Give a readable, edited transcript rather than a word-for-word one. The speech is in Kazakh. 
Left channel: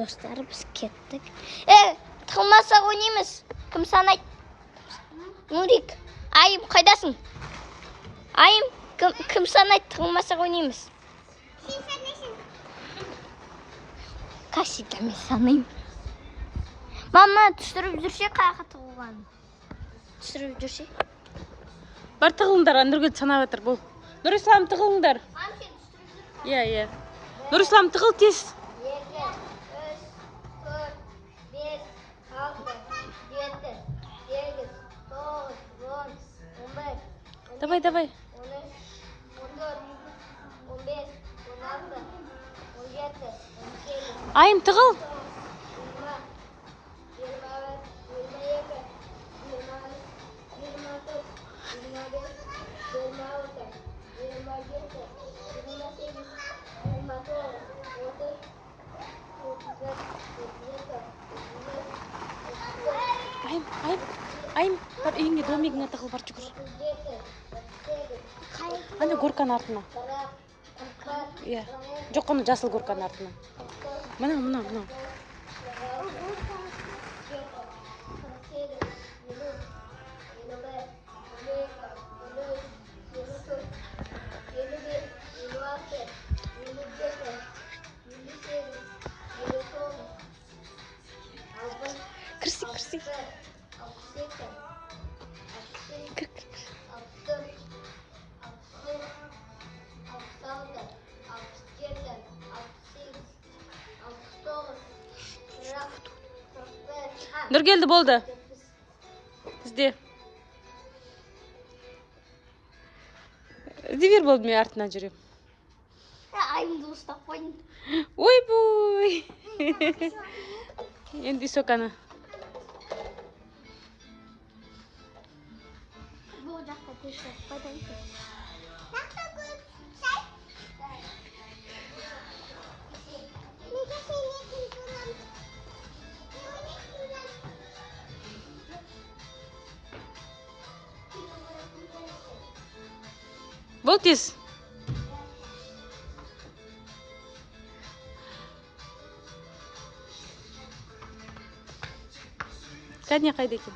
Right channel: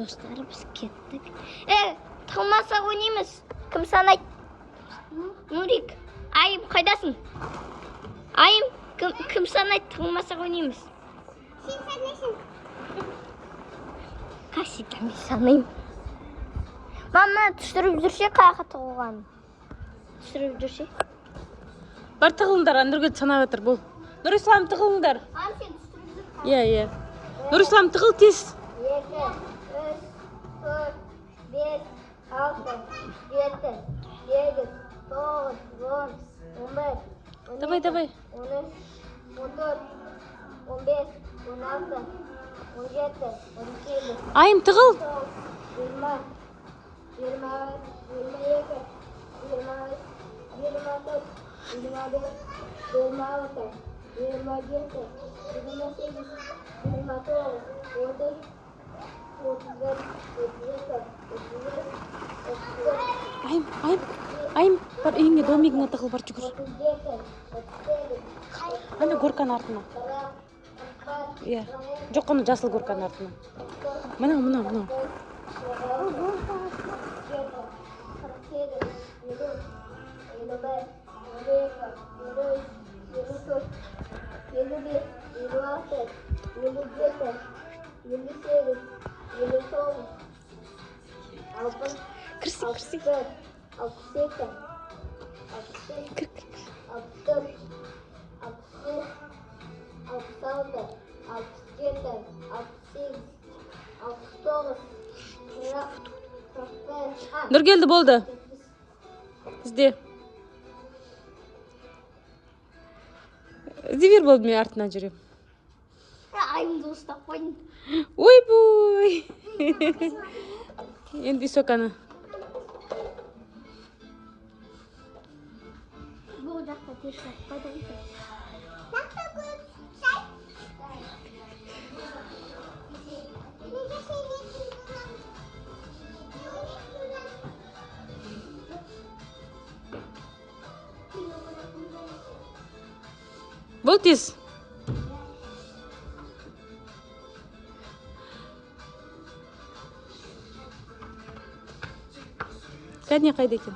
Dostlar biz kettik. Tığılmasak oynayımız. Kim sanaydı? Nurik. Ayım kaydasın? Ayım kim sanaydı? Tığılmasak oynayımız. Sen sanayısın. Kaç demek sanayım. Mama түсіріп жүрсе қаяққа тығылған. Түсіріп жүрсе. Бар тығылыңдар, Нұргүл санап жатыр бұл. Нұрислам тығылыңдар. Иә. Нұрислам тығыл тез. 2, 3, 4, 5, 6, 7, 9, 10, 11, 12, Давай. 13, 14, 15, 16, 17, 18, 18. Айым тығыл. 27, Айым, бар үйіңе домигіңе тығыл, бар жүгір. Ана горканың артына. Иә. Жоқ, оны жасыл горканың артына. Мына. Кірсі. Нұргелді болды. Ізде бер болды, мен артынан жүрем. Ayımda ıslak koydum. Ой-бой. Енді соканы. Bu ocakta tezgah koydum. Nakta koyup sen. Nece söylüyorsun bundan? Бол тез. Кәдіне қайда екен?